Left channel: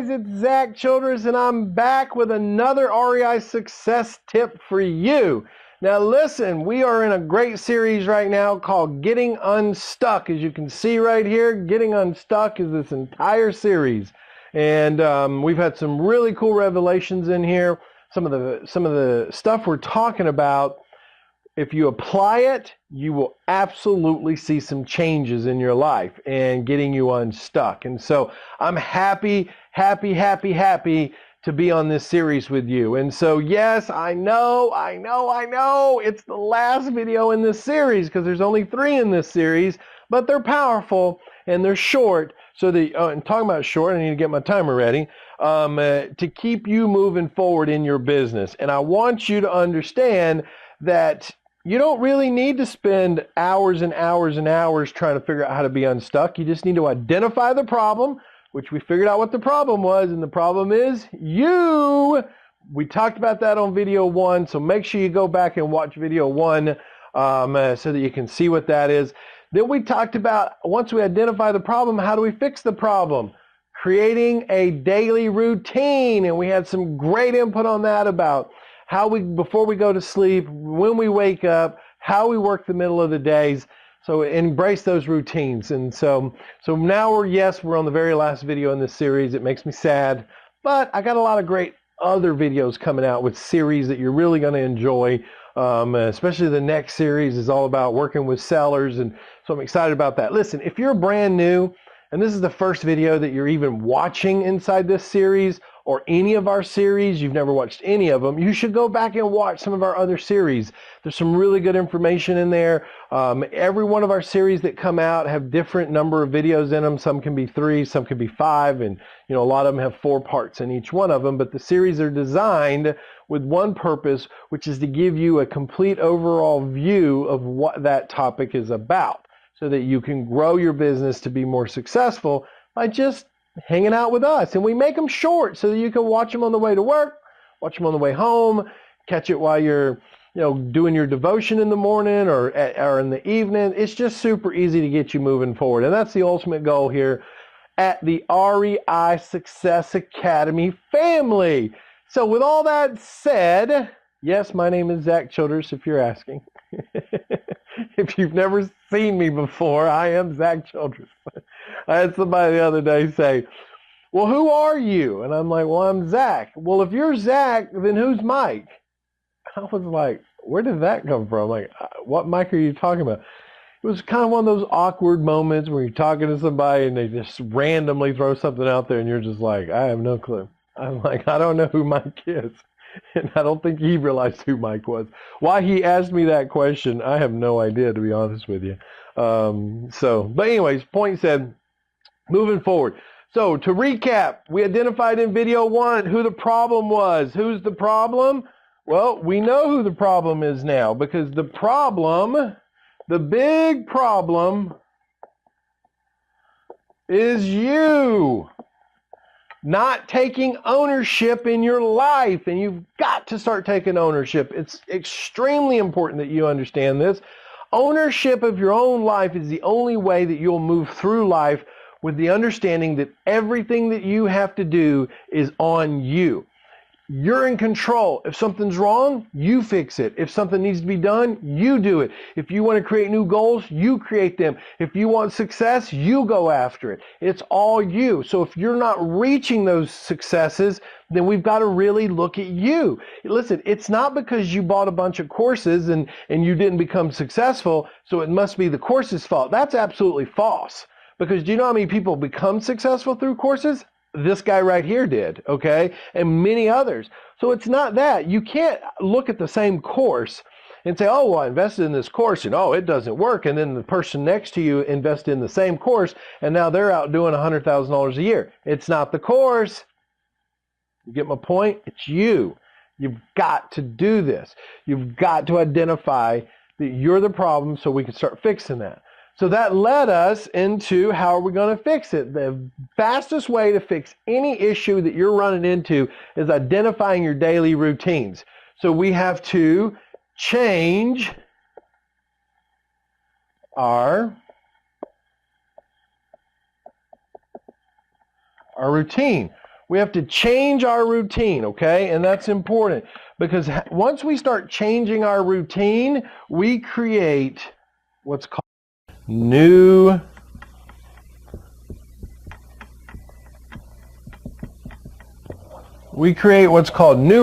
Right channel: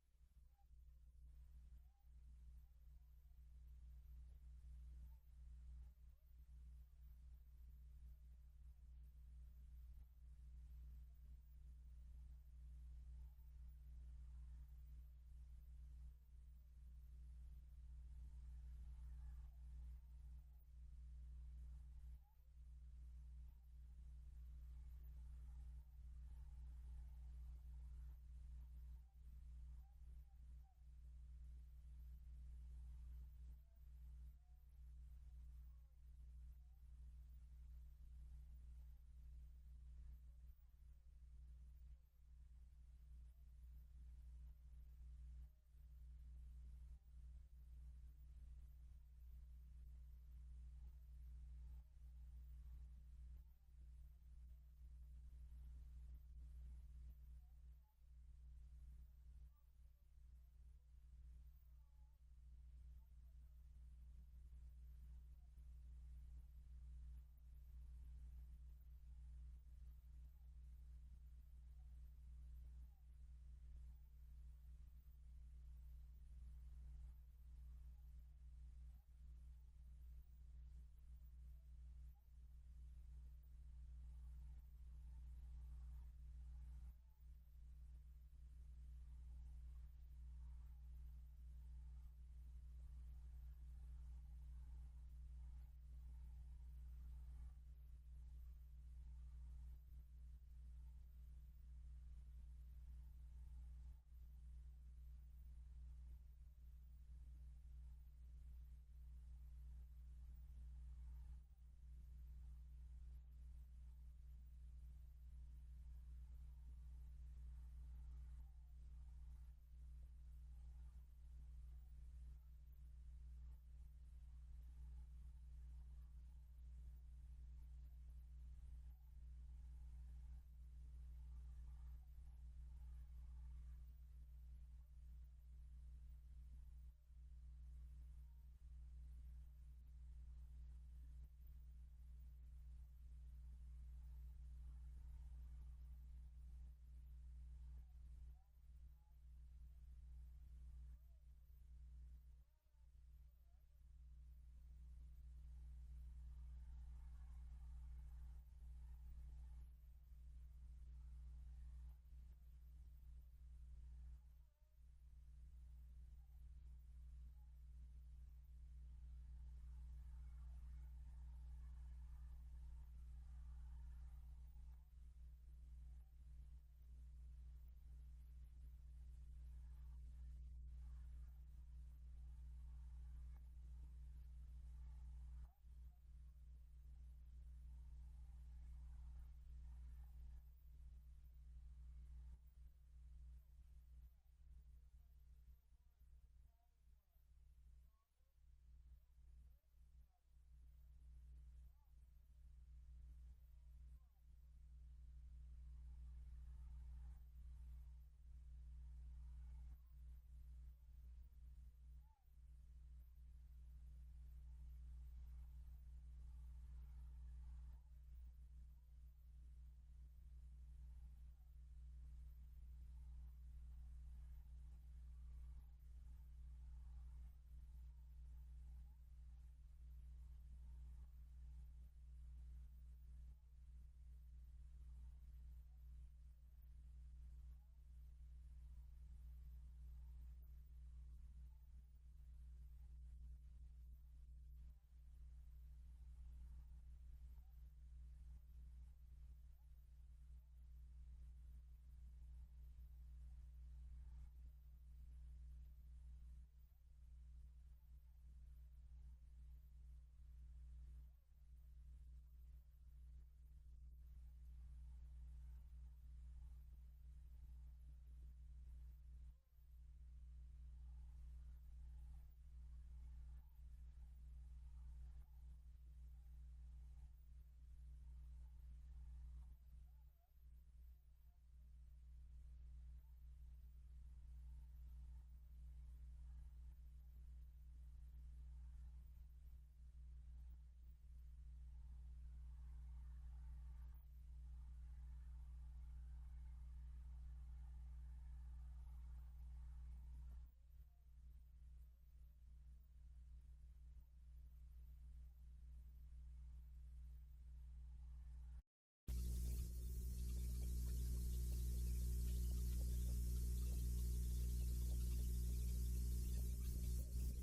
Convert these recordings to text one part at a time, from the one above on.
guys, it's Zack Childress, and I'm back with another REI success tip for you. Now listen, we are in a great series right now called Getting Unstuck. As you can see right here, Getting Unstuck is this entire series. And we've had some really cool revelations in here. Some of the stuff we're talking about, if you apply it, you will absolutely see some changes in your life and getting you unstuck. And so I'm happy to be on this series with you. And so yes, I know, it's the last video in this series because there's only 3 in this series, but they're powerful and they're short. So and talking about short, I need to get my timer ready to keep you moving forward in your business. And I want you to understand that you don't really need to spend hours and hours and hours trying to figure out how to be unstuck. You just need to identify the problem, which we figured out what the problem was, and the problem is you. We talked about that on video 1, so make sure you go back and watch video 1 so that you can see what that is. Then we talked about, once we identify the problem, how do we fix the problem? Creating a daily routine, and we had some great input on that about how we, before we go to sleep, when we wake up, how we work the middle of the days. So embrace those routines. And so now we're on the very last video in this series. It makes me sad, but I got a lot of great other videos coming out with series that you're really going to enjoy. Especially the next series is all about working with sellers. And so I'm excited about that. Listen, if you're brand new and this is the first video that you're even watching inside this series or any of our series, you've never watched any of them, you should go back and watch some of our other series. There's some really good information in there. Every one of our series that come out have different number of videos in them. Some can be 3, some can be 5, and a lot of them have 4 parts in each one of them. But the series are designed with one purpose, which is to give you a complete overall view of what that topic is about, so that you can grow your business to be more successful by just hanging out with us. And we make them short so that you can watch them on the way to work, watch them on the way home, catch it while you're doing your devotion in the morning or in the evening. It's just super easy to get you moving forward. And that's the ultimate goal here at the REI Success Academy family. So with all that said, yes, my name is Zack Childress, if you're asking. If you've never seen me before, I am Zack Childress. I had somebody the other day say, well, who are you? And I'm like, well, I'm Zack. Well, if you're Zack, then who's Mike? I was like, where did that come from? Like, what Mike are you talking about? It was kind of one of those awkward moments where you're talking to somebody and they just randomly throw something out there and you're just like, I have no clue. I'm like, I don't know who Mike is. And I don't think he realized who Mike was. Why he asked me that question, I have no idea, to be honest with you. But anyways, point said, moving forward. So to recap, we identified in video 1 who the problem was. Who's the problem? Well, we know who the problem is now, because the problem, the big problem, is you not taking ownership in your life. And you've got to start taking ownership. It's extremely important that you understand this. Ownership of your own life is the only way that you'll move through life, with the understanding that everything that you have to do is on you. You're in control. If something's wrong, you fix it. If something needs to be done, you do it. If you want to create new goals, you create them. If you want success, you go after it. It's all you. So if you're not reaching those successes, then we've got to really look at you. Listen, it's not because you bought a bunch of courses and you didn't become successful, so it must be the course's fault. That's absolutely false. Because do you know how many people become successful through courses? This guy right here did, okay? And many others. So it's not that. You can't look at the same course and say, oh, well, I invested in this course and oh, it doesn't work. And then the person next to you invested in the same course and now they're out doing $100,000 a year. It's not the course. You get my point? It's you. You've got to do this. You've got to identify that you're the problem so we can start fixing that. So that led us into how are we going to fix it. The fastest way to fix any issue that you're running into is identifying your daily routines. So we have to change our routine. We have to change our routine, okay? And that's important because once we start changing our routine, we create what's called new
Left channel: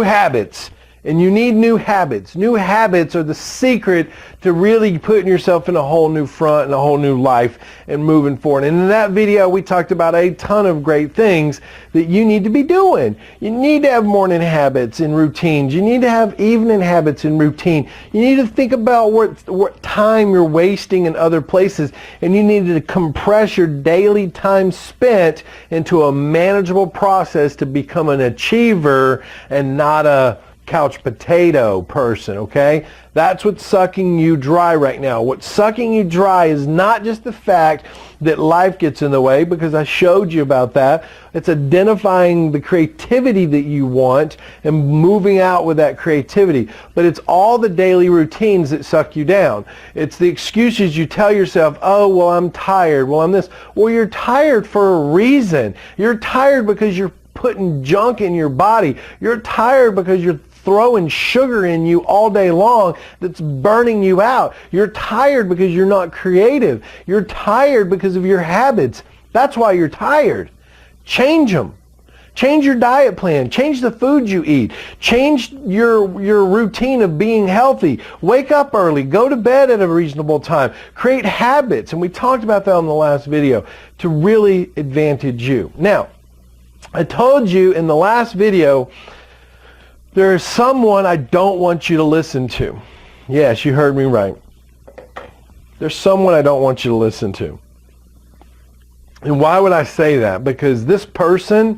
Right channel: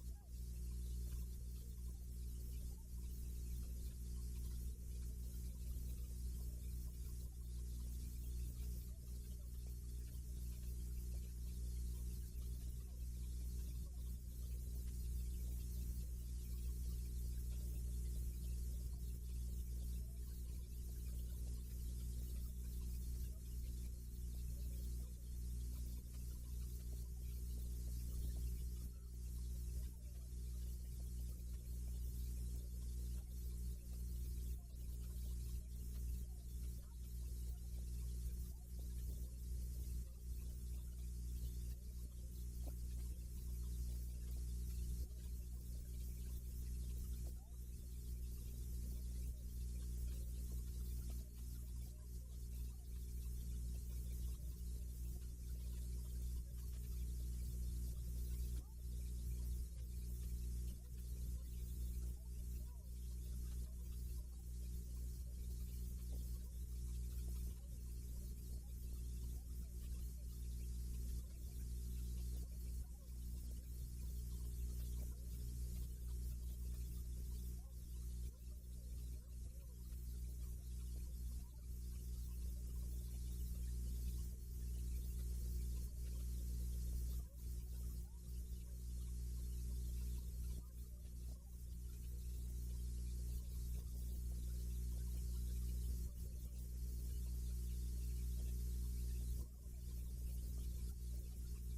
habits. And you need new habits. New habits are the secret to really putting yourself in a whole new front and a whole new life and moving forward. And in that video, we talked about a ton of great things that you need to be doing. You need to have morning habits and routines. You need to have evening habits and routine. You need to think about what time you're wasting in other places. And you need to compress your daily time spent into a manageable process to become an achiever and not a couch potato person, okay? That's what's sucking you dry right now. What's sucking you dry is not just the fact that life gets in the way, because I showed you about that. It's identifying the creativity that you want and moving out with that creativity. But it's all the daily routines that suck you down. It's the excuses you tell yourself, oh, well, I'm tired. Well, I'm this. Well, you're tired for a reason. You're tired because you're putting junk in your body. You're tired because you're throwing sugar in you all day long that's burning you out. You're tired because you're not creative. You're tired because of your habits. That's why you're tired. Change them. Change your diet plan. Change the food you eat. Change your routine of being healthy. Wake up early. Go to bed at a reasonable time. Create habits. And we talked about that on the last video to really advantage you. Now, I told you in the last video, there is someone I don't want you to listen to. Yes, you heard me right. There's someone I don't want you to listen to. And why would I say that? Because this person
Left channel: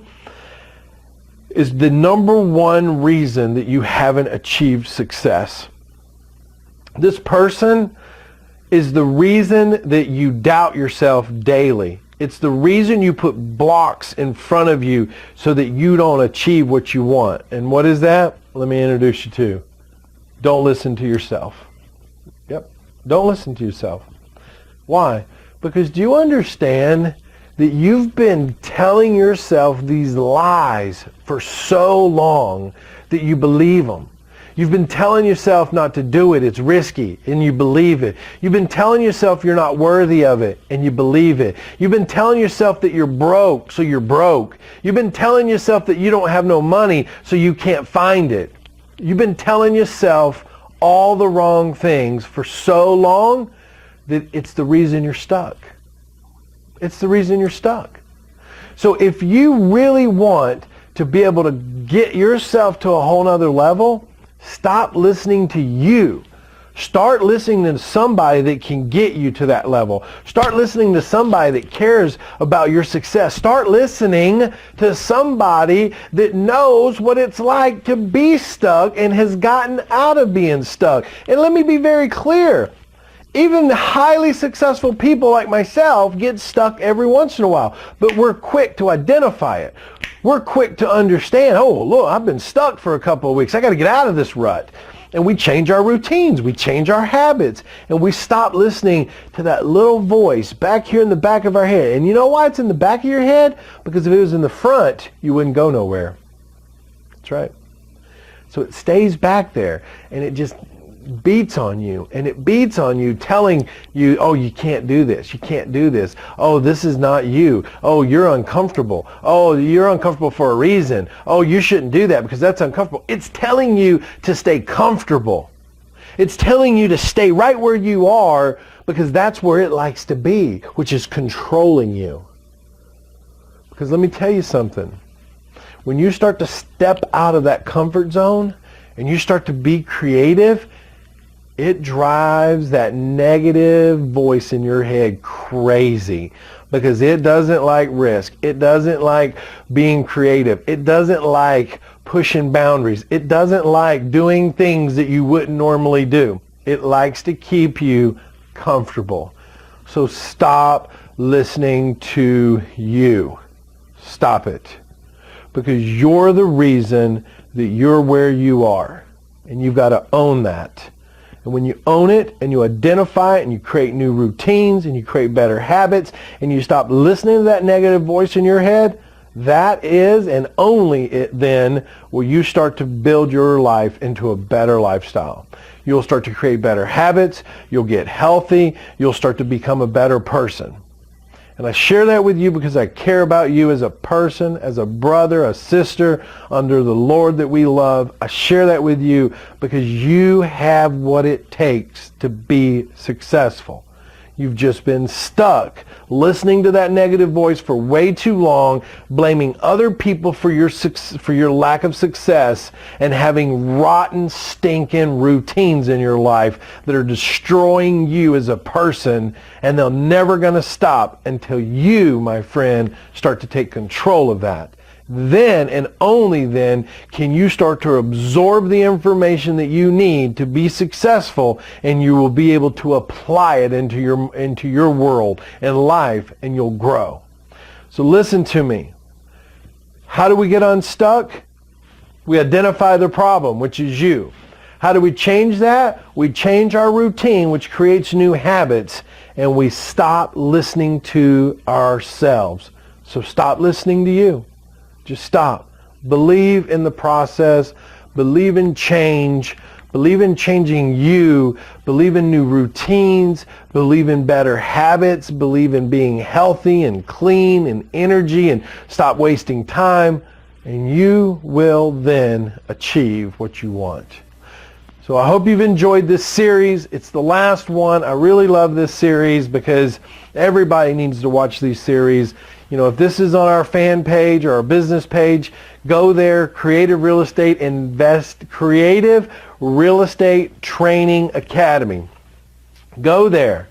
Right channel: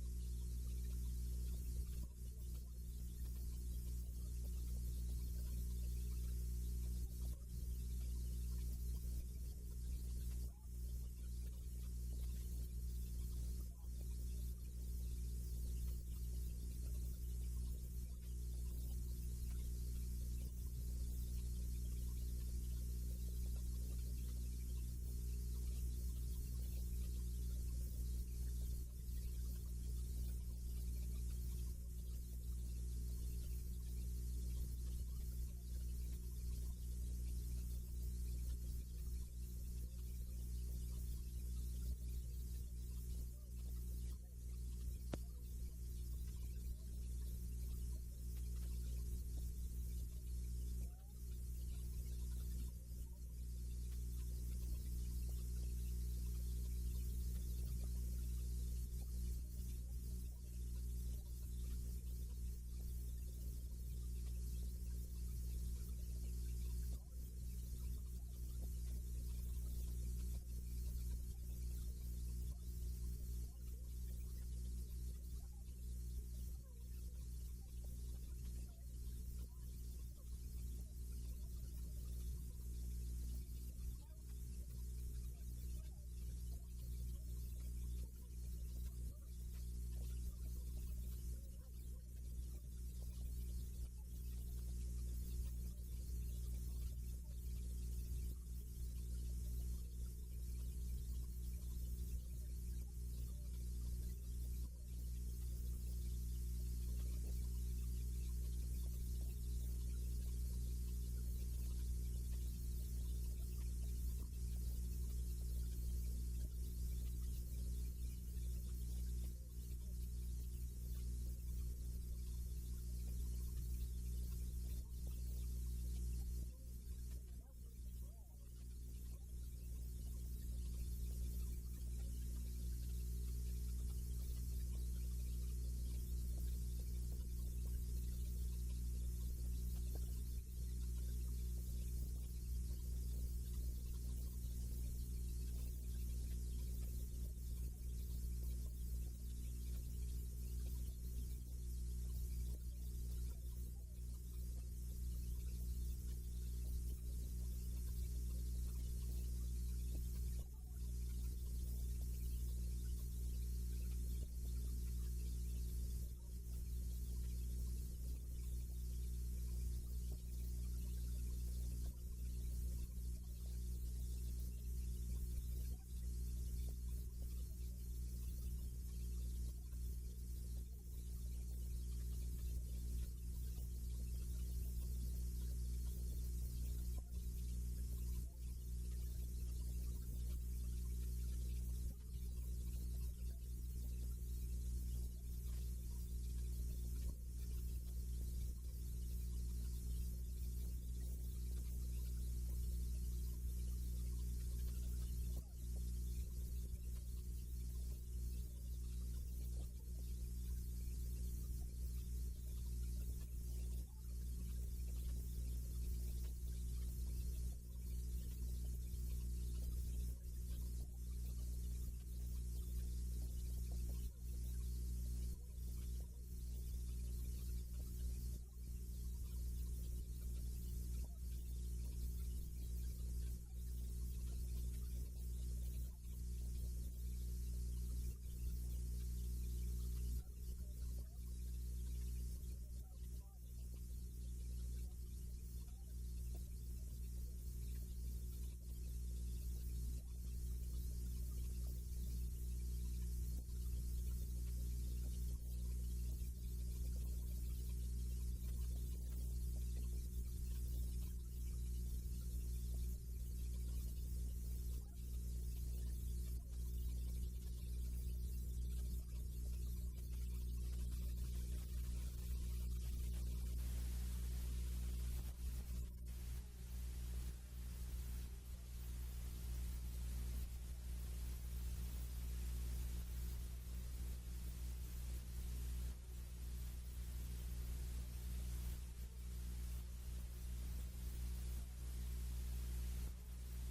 is the number one reason that you haven't achieved success. This person is the reason that you doubt yourself daily. It's the reason you put blocks in front of you so that you don't achieve what you want. And what is that? Let me introduce you to. Don't listen to yourself. Yep. Don't listen to yourself. Why? Because do you understand that you've been telling yourself these lies for so long that you believe them? You've been telling yourself not to do it, it's risky, and you believe it. You've been telling yourself you're not worthy of it, and you believe it. You've been telling yourself that you're broke, so you're broke. You've been telling yourself that you don't have no money, so you can't find it. You've been telling yourself all the wrong things for so long that it's the reason you're stuck. It's the reason you're stuck. So if you really want to be able to get yourself to a whole nother level, stop listening to you. Start listening to somebody that can get you to that level. Start listening to somebody that cares about your success. Start listening to somebody that knows what it's like to be stuck and has gotten out of being stuck. And let me be very clear. Even the highly successful people like myself get stuck every once in a while, but we're quick to identify it. We're quick to understand, oh, look, I've been stuck for a couple of weeks. I got to get out of this rut. And we change our routines. We change our habits. And we stop listening to that little voice back here in the back of our head. And you know why it's in the back of your head? Because if it was in the front, you wouldn't go nowhere. That's right. So it stays back there, and it just beats on you, and it beats on you, telling you, oh, you can't do this, you can't do this, oh, this is not you, oh, you're uncomfortable, oh, you're uncomfortable for a reason, oh, you shouldn't do that because that's uncomfortable. It's telling you to stay comfortable. It's telling you to stay right where you are because that's where it likes to be, which is controlling you. Because let me tell you something. When you start to step out of that comfort zone and you start to be creative, it drives that negative voice in your head crazy because it doesn't like risk. It doesn't like being creative. It doesn't like pushing boundaries. It doesn't like doing things that you wouldn't normally do. It likes to keep you comfortable. So stop listening to you. Stop it. Because you're the reason that you're where you are. And you've got to own that. And when you own it and you identify it and you create new routines and you create better habits and you stop listening to that negative voice in your head, That is, and only it then will you start to build your life into a better lifestyle. You'll start to create better habits. You'll get healthy. You'll start to become a better person. And I share that with you because I care about you as a person, as a brother, a sister under the Lord that we love. I share that with you because you have what it takes to be successful. You've just been stuck listening to that negative voice for way too long, blaming other people for your lack of success, and having rotten, stinking routines in your life that are destroying you as a person, and they're never going to stop until you, my friend, start to take control of that. Then and only then can you start to absorb the information that you need to be successful, and you will be able to apply it into your world and life, and you'll grow. So listen to me. How do we get unstuck? We identify the problem, which is you. How do we change that? We change our routine, which creates new habits, and we stop listening to ourselves. So stop listening to you. Just stop. Believe in the process. Believe in change. Believe in changing you. Believe in new routines. Believe in better habits. Believe in being healthy and clean and energy, and stop wasting time. And you will then achieve what you want. So I hope you've enjoyed this series. It's the last one. I really love this series because everybody needs to watch these series. You know, if this is on our fan page or our business page, go there, Creative Real Estate Training Academy. Go there,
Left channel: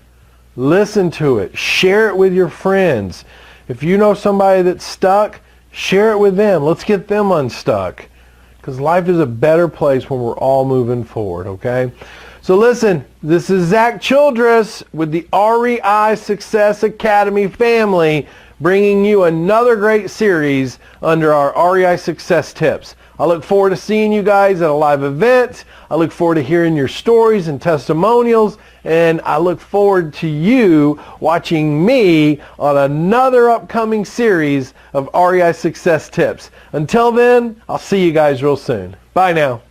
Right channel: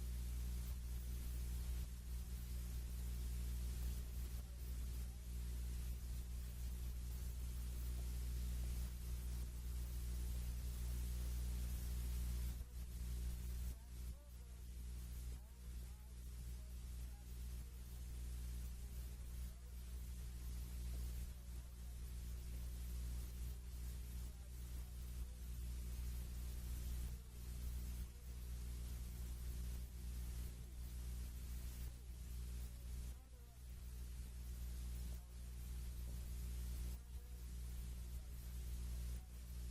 listen to it, share it with your friends. If you know somebody that's stuck, share it with them. Let's get them unstuck, because life is a better place when we're all moving forward, okay? So listen, this is Zack Childress with the REI Success Academy family, bringing you another great series under our REI Success Tips. I look forward to seeing you guys at a live event. I look forward to hearing your stories and testimonials, and I look forward to you watching me on another upcoming series of REI Success Tips. Until then, I'll see you guys real soon. Bye now.